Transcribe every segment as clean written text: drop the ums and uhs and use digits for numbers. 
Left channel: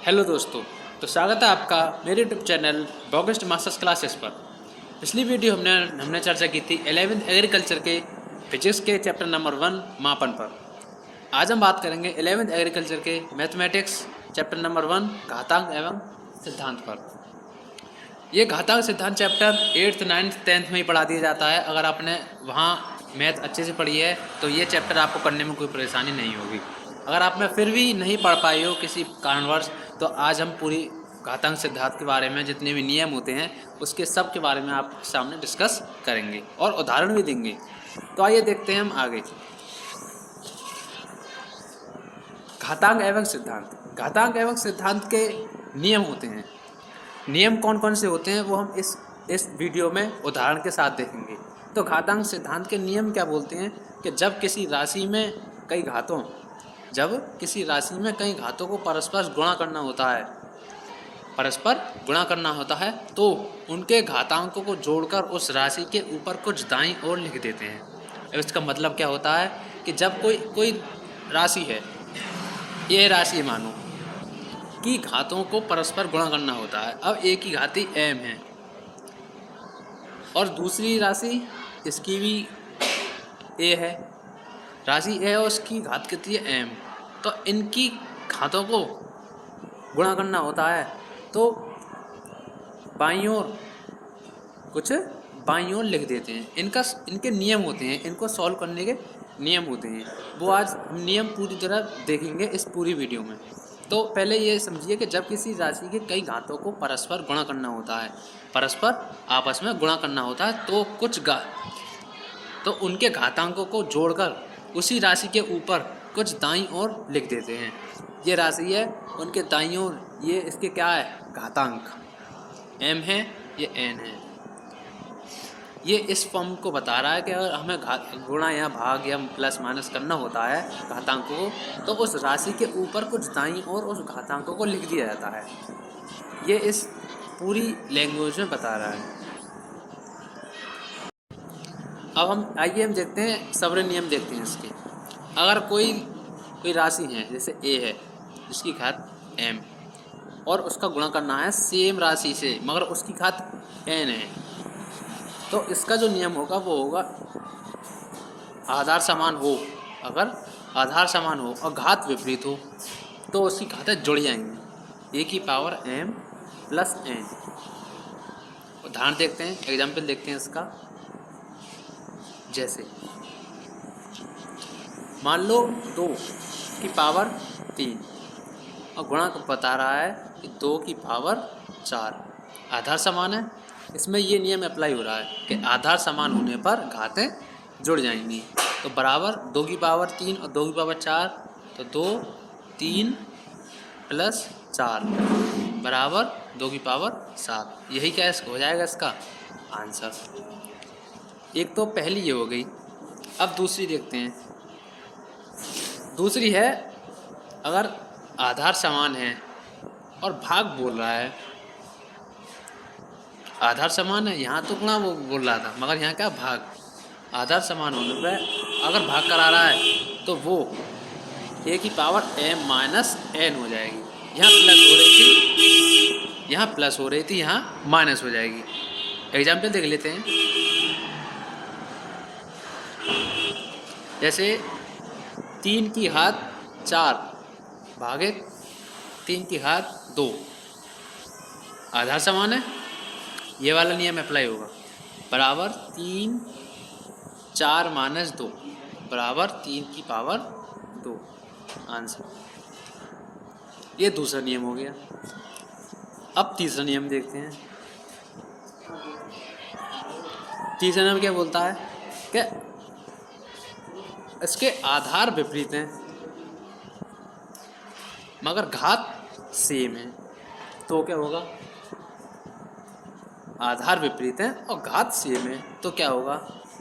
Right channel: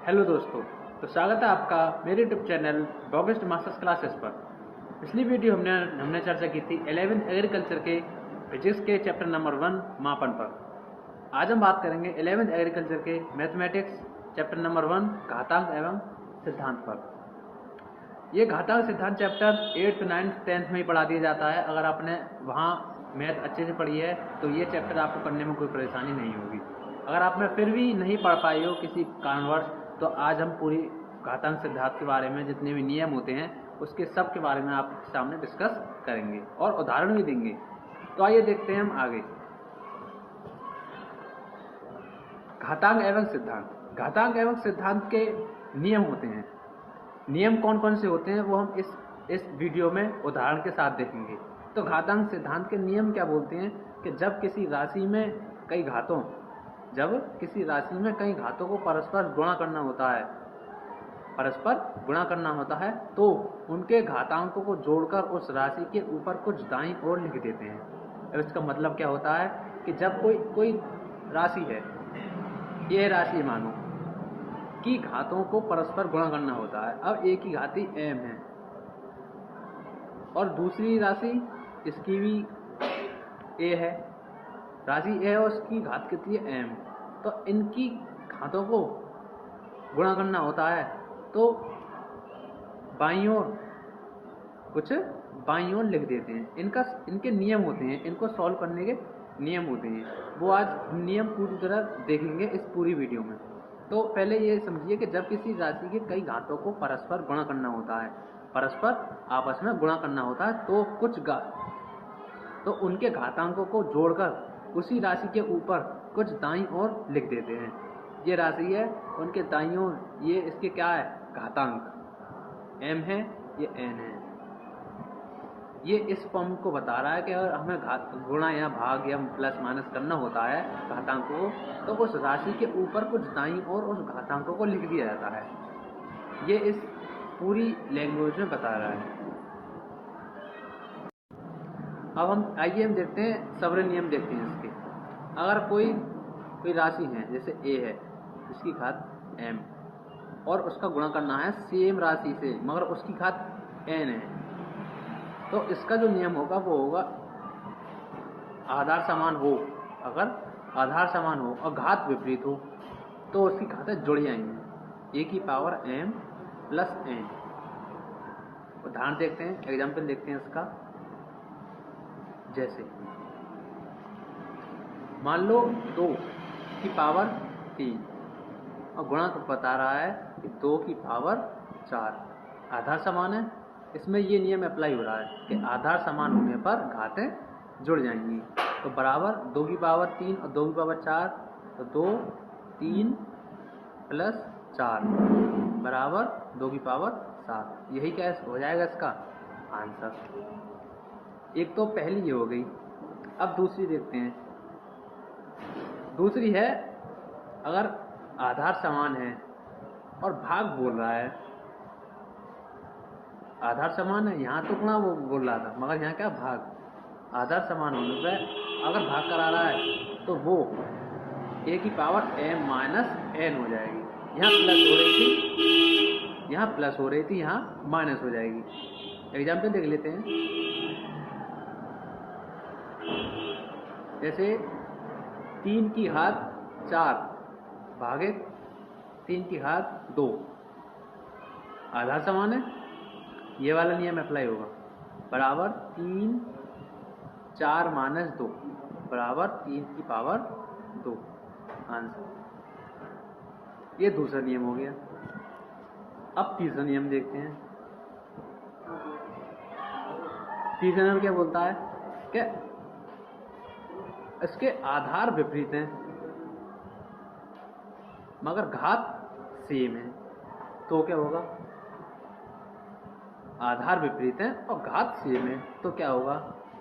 Hello दोस्तों, तो स्वागत है आपका मेरे यूट्यूब चैनल बॉगस्ट मास्टर्स क्लासेस पर। पिछली वीडियो हमने चर्चा की थी 11th एग्रीकल्चर के फिजिक्स के चैप्टर नंबर 1 मापन पर। आज हम बात करेंगे 11th एग्रीकल्चर के मैथमेटिक्स चैप्टर नंबर 1 घातांक एवं सिद्धांत पर। ये घातांक सिद्धांत चैप्टर 8th 9th 10th में ही पढ़ा दिया जाता है। अगर आपने वहाँ मैथ अच्छे से पढ़ी है तो ये चैप्टर आपको करने में कोई परेशानी नहीं होगी। अगर आप में फिर भी नहीं पढ़ पाई हो किसी कारणवश, तो आज हम पूरी घातांक सिद्धांत के बारे में जितने भी नियम होते हैं उसके सब के बारे में आपके सामने डिस्कस करेंगे और उदाहरण भी देंगे। तो आइए देखते हैं हम आगे। घातांक एवं सिद्धांत। घातांक एवं सिद्धांत के नियम होते हैं। नियम कौन कौन से होते हैं वो हम इस वीडियो में उदाहरण के साथ देखेंगे। तो घातांक सिद्धांत के नियम क्या बोलते हैं कि जब किसी राशि में कई घातों को परस्पर गुणा करना होता है तो उनके घातांकों को जोड़कर उस राशि के ऊपर कुछ दाईं ओर लिख देते हैं। अब इसका मतलब क्या होता है कि जब कोई राशि है, ये राशि मानो की घातों को परस्पर गुणा करना होता है। अब a की घाती m है और दूसरी राशि इसकी भी a है। राशि a और उसकी घात कितनी है m, तो इनकी घातों को गुणा करना होता है तो बाईं ओर लिख देते हैं। इनके नियम होते हैं, इनको सॉल्व करने के नियम होते हैं। वो आज हम नियम पूरी तरह देखेंगे इस पूरी वीडियो में। तो पहले ये समझिए कि जब किसी राशि के कई घातों को परस्पर गुणा करना होता है, परस्पर आपस में गुणा करना होता है तो उनके घातांकों को जोड़कर उसी राशि के ऊपर कुछ दाईं ओर लिख देते हैं। ये राशि है, उनके दाईं ओर ये इसके क्या है, घातांक m है, ये n है। ये इस फॉर्म को बता रहा है कि अगर हमें गुणा या भाग या प्लस माइनस करना होता है घातांकों को, तो उस राशि के ऊपर कुछ दाईं ओर उस घातांकों को लिख दिया जाता है। ये इस पूरी लैंग्वेज में बता रहा है। अब हम देखते हैं, सवर्ण नियम देखते हैं इसके। अगर कोई राशि है, जैसे a है जिसकी घात m और उसका गुणा करना है सेम राशि से मगर उसकी घात n है, तो इसका जो नियम होगा वो होगा आधार समान हो। अगर आधार समान हो और घात विपरीत हो तो उसकी घातें जुड़ जाएंगी, a की पावर m प्लस n। उदाहरण देखते हैं, एग्जाम्पल देखते हैं इसका। जैसे मान लो 2 की पावर 3 और गुणा बता रहा है कि 2 की पावर 4। आधार समान है, इसमें ये नियम अप्लाई हो रहा है कि आधार समान होने पर घातें जुड़ जाएंगी। तो बराबर 2 की पावर 3 और 2 की पावर 4, तो 2 3 प्लस 4 बराबर 2 की पावर 7। यही क्या हो जाएगा इसका आंसर। एक तो पहली ये हो गई। अब दूसरी देखते हैं। दूसरी है, अगर आधार समान है और भाग बोल रहा है, आधार समान है, यहाँ तो गुणा वो बोल रहा था मगर यहाँ क्या भाग। आधार समान होने पर अगर भाग करा रहा है तो वो a की पावर m माइनस n हो जाएगी। यहाँ प्लस हो रही थी, यहाँ माइनस हो जाएगी। एग्जाम्पल देख लेते हैं। जैसे 3 की घात 4 भागे 3 की घात 2, आधार समान है, ये वाला नियम अप्लाई होगा। बराबर 3 4 माइनस 2 बराबर 3 की पावर 2 आंसर। ये दूसरा नियम हो गया। अब तीसरा नियम देखते हैं। तीसरा नियम क्या बोलता है कि इसके आधार विपरीत हैं मगर घात सेम है, तो क्या होगा। आधार विपरीत है और घात सेम है तो क्या होगा,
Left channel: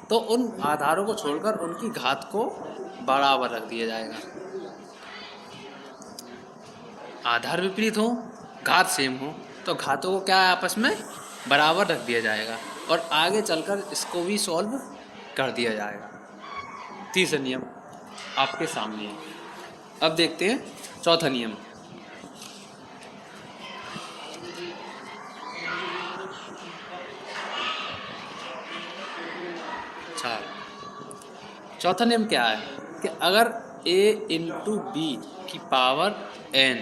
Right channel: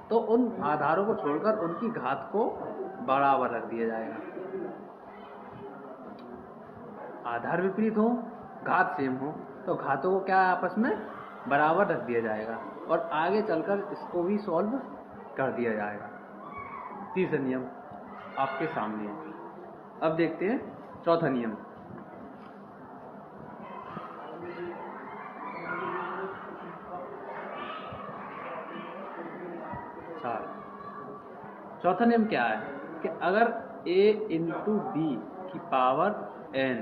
तो उन आधारों को छोड़कर उनकी घात को बराबर रख दिया जाएगा। आधार विपरीत हो, घात सेम हो, तो घातों को क्या आपस में बराबर रख दिया जाएगा और आगे चलकर इसको भी सॉल्व कर दिया जाएगा। तीसरा नियम आपके सामने है। अब देखते हैं चौथा नियम। चार। चौथा नियम क्या है कि अगर a इंटू बी की पावर n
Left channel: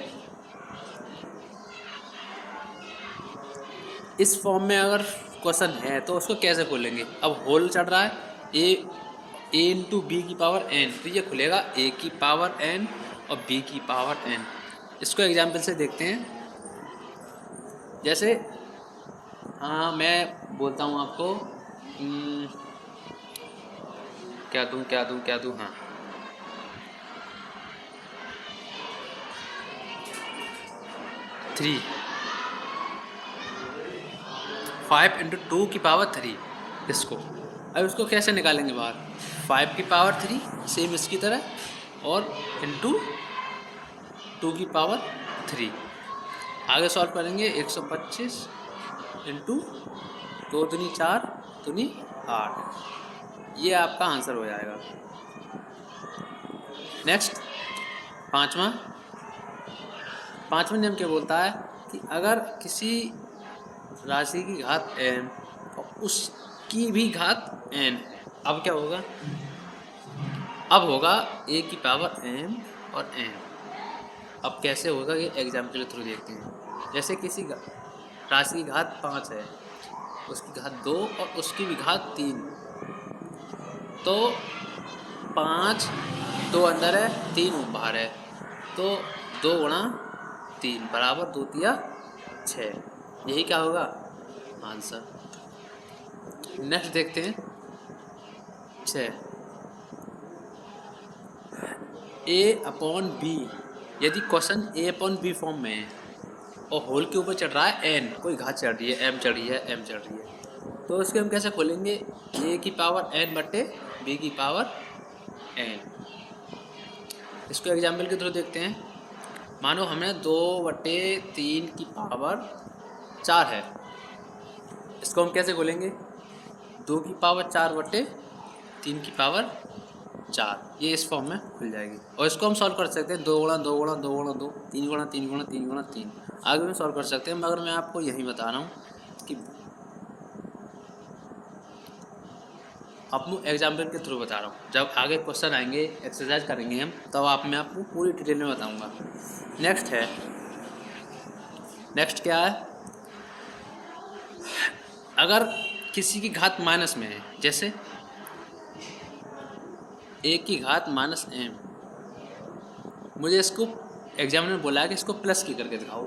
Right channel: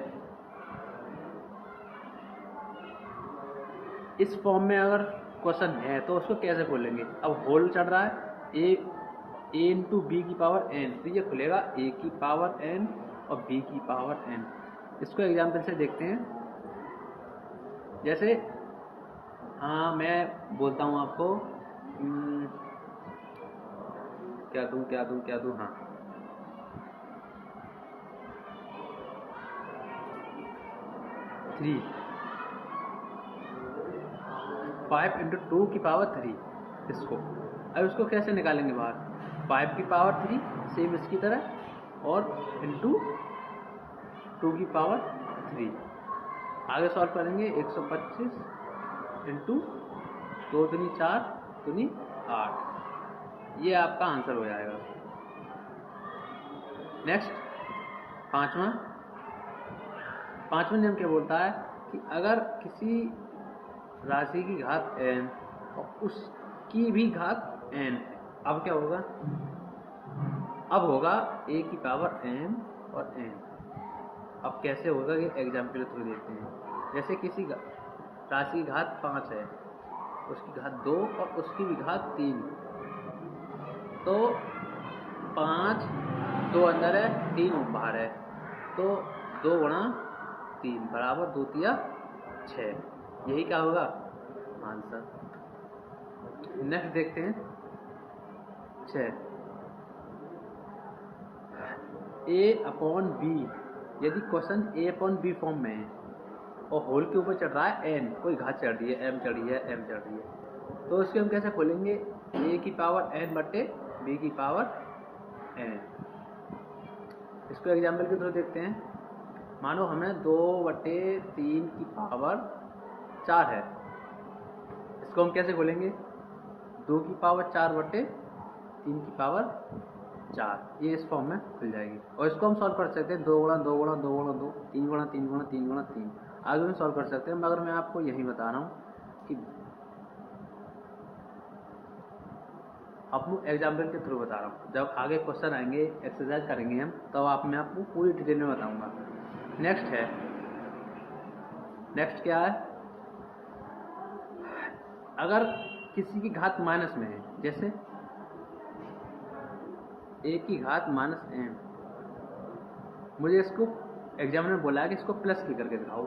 इस फॉर्म में अगर क्वेश्चन है तो उसको कैसे खोलेंगे। अब होल चढ़ रहा है ए इंटू बी की पावर n, तो ये खुलेगा a की पावर n और b की पावर n। इसको एग्जाम्पल से देखते हैं। जैसे मैं बोलता हूँ आपको क्या दूँ हाँ, थ्री 5 इंटू 2 की पावर 3 इसको। अब इसको कैसे निकालेंगे बाहर। 5 की पावर 3 सेम इसकी तरह और इंटू 2 की पावर 3। आगे सॉल्व करेंगे 125 इंटू 2 दूनी 4 दूनी 8। ये आपका आंसर हो जाएगा। नेक्स्ट पाँचवा नियम क्या बोलता है कि अगर किसी राशि की घात n और उसकी भी घात n, अब क्या होगा। अब होगा a की पावर m और n। अब कैसे होगा ये एग्जाम्पल के थ्रू देखते हैं। जैसे किसी राशि की घात 5 है, उसकी घात 2 और उसकी भी घात 3, तो 5 2 अंदर है 3 बाहर है, तो 2 गुणा 3 बराबर 2 तिया 6। यही क्या होगा आंसर। नेक्स्ट देखते हैं 6 a/b। यदि क्वेश्चन a/b फॉर्म में है और होल के ऊपर चढ़ रहा है n, कोई घात चढ़ रही है m चढ़ रही है m चढ़ रही है, तो इसको हम कैसे खोलेंगे। a की पावर n बटे b की पावर n। इसको एग्जाम्पल के थ्रू देखते हैं। मानो हमें 2/3 की पावर 4 है, इसको हम कैसे खोलेंगे। 2 की पावर 4/3 की पावर 4, ये इस फॉर्म में मिल जाएगी। और इसको हम सॉल्व कर सकते हैं 2 गुणा 2 गुणा 2 गुणा 2, 3 गुणा 3 गुणा 3 गुणा 3। आगे में सॉल्व कर सकते हैं, मगर मैं आपको यही बता रहा हूँ कि अपने एग्जाम्पल के थ्रू बता रहा हूँ। जब आगे क्वेश्चन आएंगे, एक्सरसाइज करेंगे हम, तब मैं आपको पूरी डिटेल में बताऊँगा। नेक्स्ट क्या है, अगर किसी की घात माइनस में है, जैसे a की घात -m, मुझे इसको एग्जामिनर बोला है कि इसको प्लस की करके दिखाओ।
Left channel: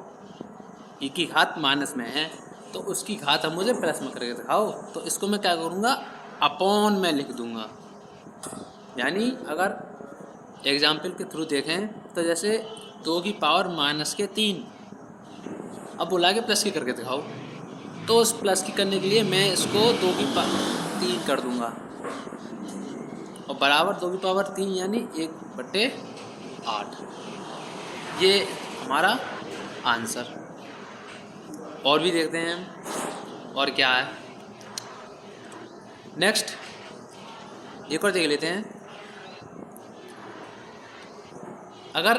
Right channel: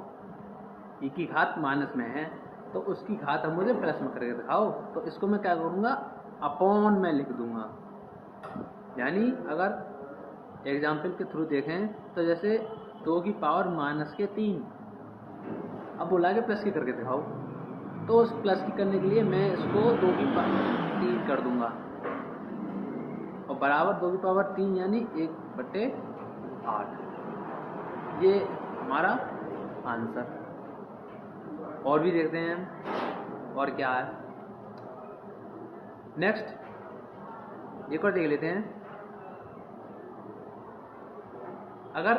e की घात माइनस में है तो उसकी घात हम मुझे प्लस में करके दिखाओ, तो इसको मैं क्या करूँगा, अपॉन में लिख दूँगा। यानी अगर एग्जाम्पल के थ्रू देखें तो जैसे 2 की पावर -3, अब बुला के प्लस की करके दिखाओ, तो उस प्लस की करने के लिए मैं इसको 2 की पावर 3 कर दूँगा और बराबर 2 की पावर 3 यानी 1/8। ये हमारा आंसर। और भी देखते हैं हम और क्या है। नेक्स्ट एक और देख लेते हैं। अगर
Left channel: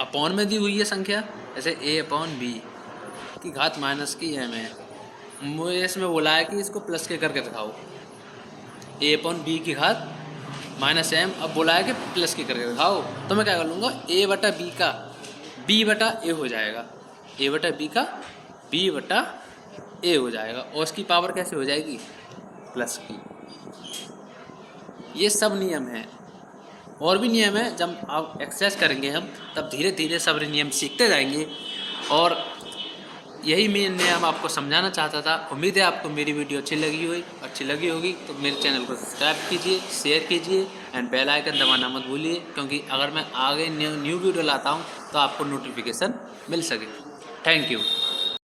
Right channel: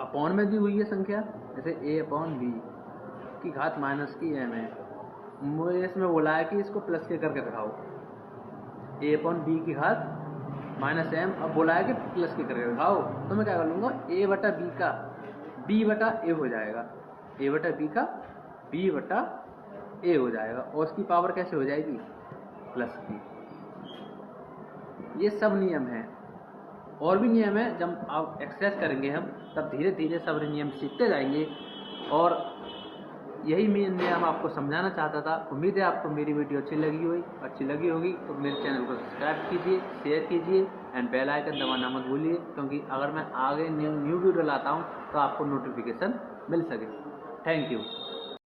अपॉन में दी हुई है संख्या, जैसे a/b की घात -m है, मुझे इसमें बोला है कि इसको प्लस के करके दिखाओ। a/b की घात -m, अब बोला है कि प्लस के करके दिखाओ, तो मैं क्या कर लूँगा, a/b का b/a हो जाएगा, a/b का b/a हो जाएगा, और उसकी पावर कैसे हो जाएगी, प्लस की। ये सब नियम हैं। और भी नियम है, जब आप एक्सरसाइज करेंगे हम, तब धीरे धीरे सब नियम सीखते जाएंगे। और यही मैं नियम आपको समझाना चाहता था। उम्मीद है आपको मेरी वीडियो अच्छी लगी होगी, तो मेरे चैनल को सब्सक्राइब कीजिए, शेयर कीजिए एंड बेल आइकन दबाना मत भूलिए, क्योंकि अगर मैं आगे न्यू वीडियो लाता हूँ तो आपको नोटिफिकेशन मिल सके। Thank you.